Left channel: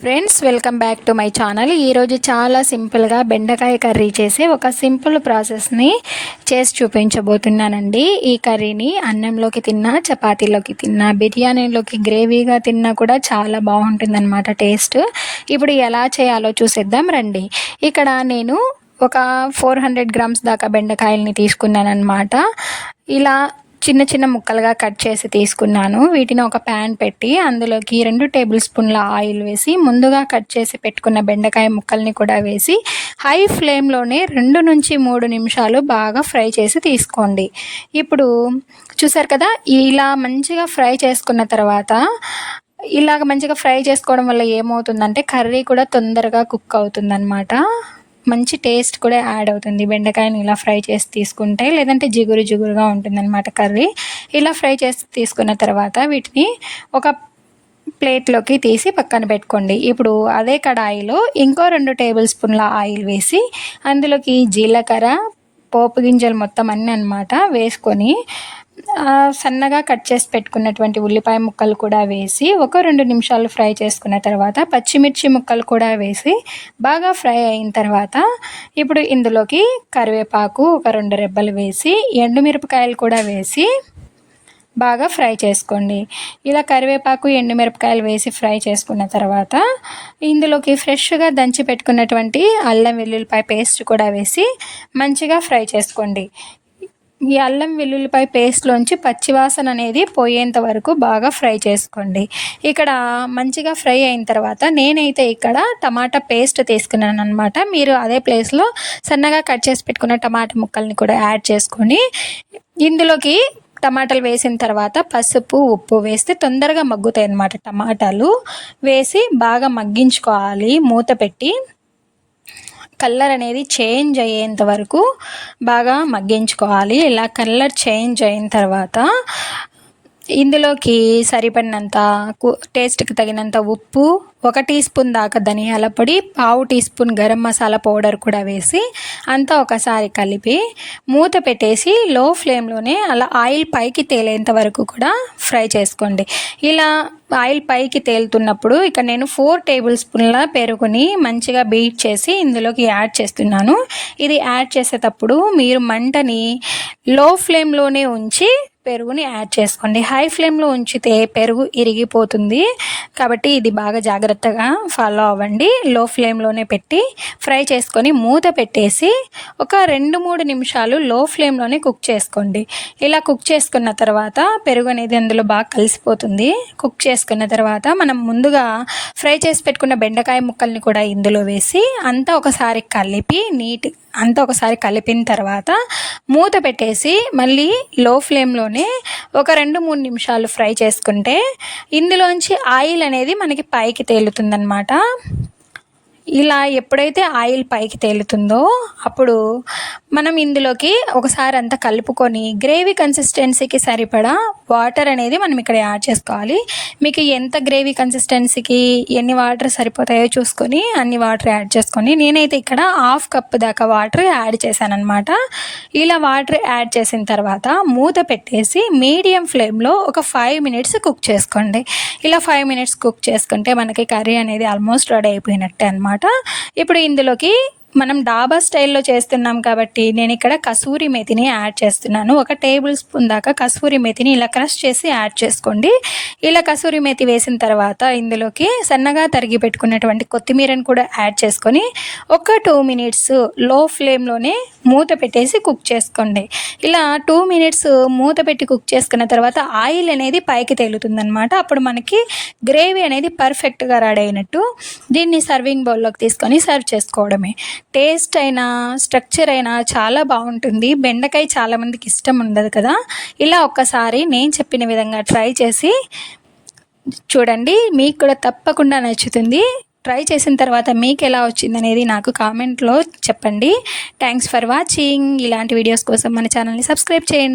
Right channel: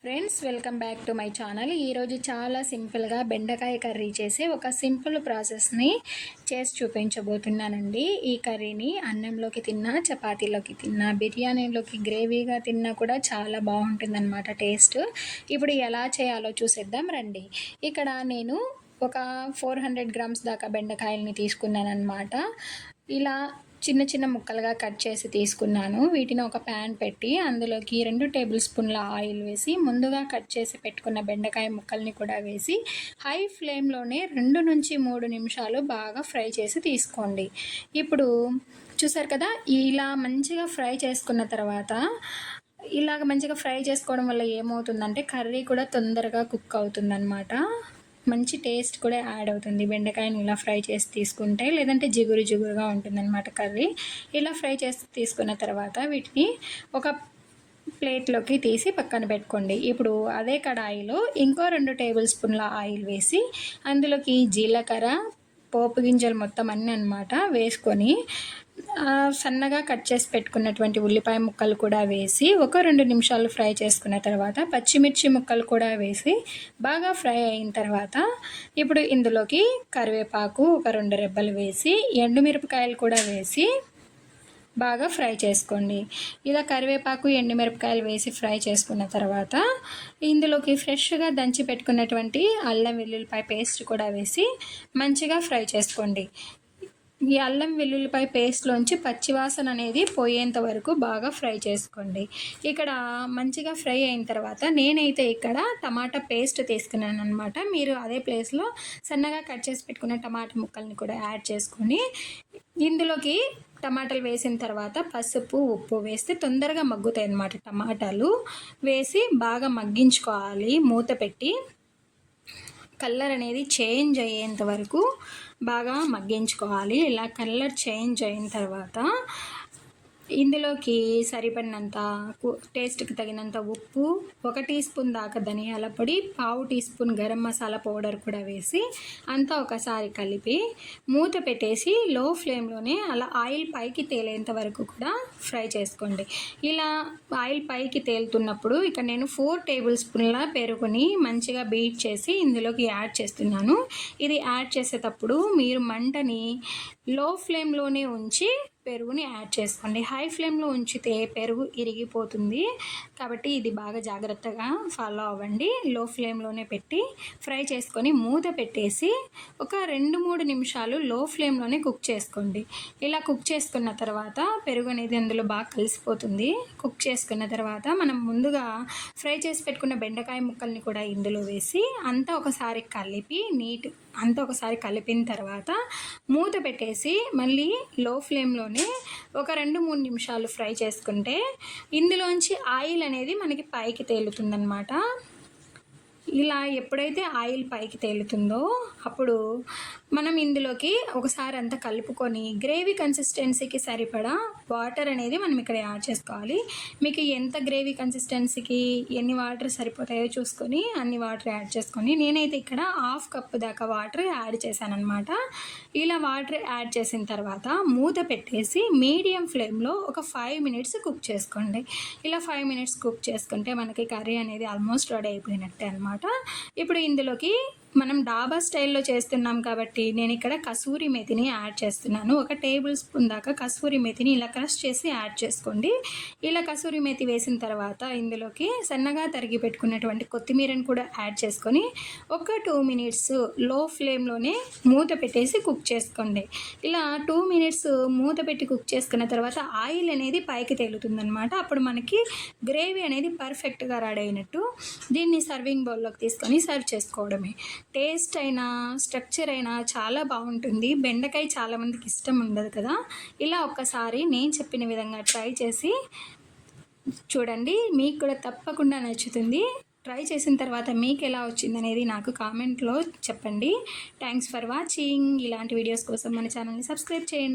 Friends, welcome back to my channel. ఈరోజు చాలా సింపుల్గా బెండకాయ కర్రీ చేసే ఒక సింపుల్ ప్రాసెస్ని చేసి చూపించబోతున్నానండి. ఈ కర్రీని అన్నంలోకి తిన్నా, చపాతీలోకి తిన్నా, బిర్యానీలోకి గ్రేవీగా తిన్నా కూడా చాలా బాగుంటుందన్నమాట టేస్ట్. ఇప్పుడు ఎలా చేయాలో చూసేద్దాం రండి. ఇక్కడ నేను ఒక 400 గ్రామ్స్ దాకా బెండకాయల్ని తీసుకున్నానమాట. ఇలా చిన్న చిన్న ముక్కలుగా కట్ చేసి తీసుకున్నాను. వీటిని ఒక ప్యాన్ పెట్టి అందులోకి 2 టేబుల్ స్పూన్ల ఆయిల్ వేసి ముందుగా కట్ చేసి పెట్టుకున్న బెండకాయ ముక్కల్ని కూడా వేసి హై ఫ్లేమ్లోనే 2 నుంచి 3 నిమిషాలు బాగా ఫ్రై చేసి తీసుకోండి. ఇప్పుడు చూసారు కదా, ఇలా మంచిగా ఫ్రై చేసుకున్న తర్వాత ఇలాగ మంచిగా ఫ్రై చేసుకోవడం వల్ల ఏమవుతుందంటే కర్రీ కూడా తొందరగా కుక్ అవుతుందన్నమాట. మంచి టేస్ట్ కూడా యాడ్ అవుతుంది బెండకాయని ఇలా ఫ్రై చేసి తీసుకుంటే. లేదంటే జిగురు జిగురుగా ఉంటుందన్నమాట కర్రీ. ఇలా ఫ్రై చేసి తీసుకున్న తర్వాత వీటిని ఒక ప్లేట్లోకి తీసి పక్కన పెట్టుకోండి. ఇప్పుడు అదే కడాయిలో ఇంకో 2 టేబుల్ స్పూన్ల ఆయిల్ వేసి అందులోకి జీలకర్ర, పోపు గింజలు మొత్తం అన్నీ అన్నమాట వేసుకొని సన్నగా కట్ చేసి పెట్టుకున్నటువంటి ఉల్లిపాయ ముక్కలు కూడా వేసి ఒక 2 నిమిషాలు ఫ్రై చేసుకున్న తర్వాత పచ్చిమిర్చి ముక్కలు కూడా వేసి బాగా ఫ్రై అయిన తర్వాత ఇప్పుడు ఇందులోకి కరివేపాకు ఒక 2 రెబ్బలు వేసి ఎండుమిరపకాయలు కూడా వేసి బాగా ఫ్రై చేసుకోండి. ఇలా కరివేపాకు, ఎండుమిరపకాయలు వేసి ఫ్రై చేసుకున్న తర్వాత ఇందులోకి ఫ్రెష్గా దంచి పెట్టుకున్నటువంటి అల్లం వెల్లుల్లిపాయ పేస్ట్ కూడా వేసి మంచిగా ఫ్రై చేసుకోండి. ఈ అల్లం వెల్లుల్లిపాయ పేస్ట్లోంచి పచ్చివాసన అనేది పోయేంత వరకు బాగా ఫ్రై చేసుకోండి. ఇక్కడ మంచిగా ఫ్రై అయిన తర్వాత నేనైతే ఇక్కడ టమాటా పేస్ట్ తీసుకున్నాను అనమాట. మీరు అదే ప్లేస్లో సన్నగా కట్ చేసి పెట్టుకున్న టమాటా ముక్కల్ని కూడా యాడ్ చేసుకొని ఇందులోకి టమాటాలు వేసిన తర్వాత పసుపు, ఉప్పు వేస్తే తొందరగా మగ్గుతాయి అన్నమాట. టమాటాలు వేసి బాగా మగ్గించుకోవాలి మూత పెట్టి. కలర్ అనేది చేంజ్ అయ్యేంత వరకు బాగా మగ్గించుకోవాలి. ఇలా కలర్ చేంజ్ అయిన తర్వాత ఇందులోకి సరిపడినంత టేస్ట్కి తగినంత ఉప్పు, 1 టీ స్పూన్ దాకా ధనియాల పొడి, 1/2 teaspoon garam masala powder కూడా వేసి అంతా ఒకసారి కలిపి మూత పెట్టేసి లో ఫ్లేమ్లోనే అలా ఆయిల్ పైకి తేలేంత వరకు కూడా ఫ్రై చేసుకోండి. ఇలా ఆయిల్ పైకి తేలుతున్నప్పుడు ఇక నేను 4 టేబుల్ స్పూన్ల పెరుగుని మంచిగా బీట్ చేసి ఇందులోకి యాడ్ చేస్తున్నాను. ఇది యాడ్ చేసేటప్పుడు మీరు మంటని లో ఫ్లేమ్లోనే ఉంచి పెరుగుని యాడ్ చేసుకోండి. హై ఫ్లేమ్లో ఉంచితే పెరుగు ఇరిగిపోతుంది కాబట్టి ఇది బాగా జాగ్రత్తగా ఫాలో అవ్వండి. లో ఫ్లేమ్లోనే పెట్టి ఫ్రై చేసుకొని మూత పెట్టేసి ఒక 2-3 నిమిషాలు లో ఫ్లేమ్లోనే కుక్ చేసుకోండి. ఇలా కుక్ చేసుకున్న తర్వాత పెరుగు అనేది అందులో బాగా కలిసిపోతుంది. కుక్ చేసుకున్న తర్వాత మనం ముందుగా ఫ్రై చేసి పెట్టుకున్న బెండకాయ ముక్కల్ని కూడా ఇందులో వేసి అంతా ఒకసారి కలిపిన తర్వాత మూత పెట్టేసి మళ్ళీ లో ఫ్లేమ్లోనే ఒక 2-3 నిమిషాలు ఫ్రై చేసుకుంటే ఇందులోంచి ఆయిల్ అనేది మనకి పైకి తేలుతుందన్నమాట. ఇలా ఎప్పుడైతే ఆయిల్ పైకి తేలుతుందో అప్పుడు మనం ఇందులోకి ఒకసారి అంతా కలుపుకొని గ్రేవీ కన్సిస్టెన్సీకి సరిపడా వాటర్ అనేది మనం ఇక్కడ యాడ్ చేసుకోవాలి. మీకు ఎంత గ్రేవీ కన్సిస్టెన్సీకి ఎన్ని వాటర్ సరిపోతాయో చూసుకొని అన్ని వాటర్ యాడ్ చేసుకొని నేనైతే ఇక్కడ 1/2 కప్ దాకా వాటర్ యాడ్ చేశానమాట. ఇలా వాటర్ యాడ్ చేసిన తర్వాత మూత పెట్టేసి మీడియం ఫ్లేమ్లో ఒక 5 మినిట్స్ కుక్ చేసుకోండి. ఇలా 5 మినిట్స్ కుక్ చేసుకుంటే మనకి కర్రీ అనేది ఆల్మోస్ట్ రెడీ అయిపోయినట్టే అనమాట. ఇప్పుడు ఇందులోకి మనం డాబా స్టైల్లో చేస్తున్నాం కాబట్టి నేను ఇక్కడ కసూరి మేతిని యాడ్ చేస్తున్నాను. 1 టేబుల్ స్పూన్ దాకా కసూరి మేతిని ఇలా క్రష్ చేసి యాడ్ చేసుకోండి. ఇలా కసూరి మేతి వేసిన తర్వాత ఇందులోకి సన్నగా తరిగి పెట్టుకున్నటువంటి కొత్తిమీరని కూడా యాడ్ చేసుకొని ఒక 2 మినిట్స్ లో ఫ్లేమ్లోనే మూత పెట్టేసి కుక్ చేసుకోండి. ఇలా 2 మినిట్స్ మూత పెట్టి కుక్ చేసుకున్న తర్వాత ఆయిల్ అనేది పైకి తేలుతుందనమాట. అప్పుడు మనకి గ్రేవీ అనేది పర్ఫెక్ట్గా రెడీ అయినట్టు. దీన్ని సర్వింగ్ బౌల్లోకి తీసుకొని సర్వ్ చేసుకోవడమే. టేస్ట్ అయినా స్ట్రక్చర్ అయినా చాలా బాగుంటుంది. బెండకాయ చాలామందికి ఇష్టం ఉండదు కదా. ఇలా ఒక్కసారి నేను చెప్పిన విధంగా ట్రై చేసి చూడండి, మీకు కూడా తప్పకుండా నచ్చుతుంది. ట్రై చేసిన తర్వాత మీకు ఎలా వచ్చిందనేది నాకు కామెంట్లో చెప్పండి. Thanks for watching. ఇలాంటి వీడియోస్ కోసం మన ఛానల్ని సబ్స్క్రైబ్ చేయండి.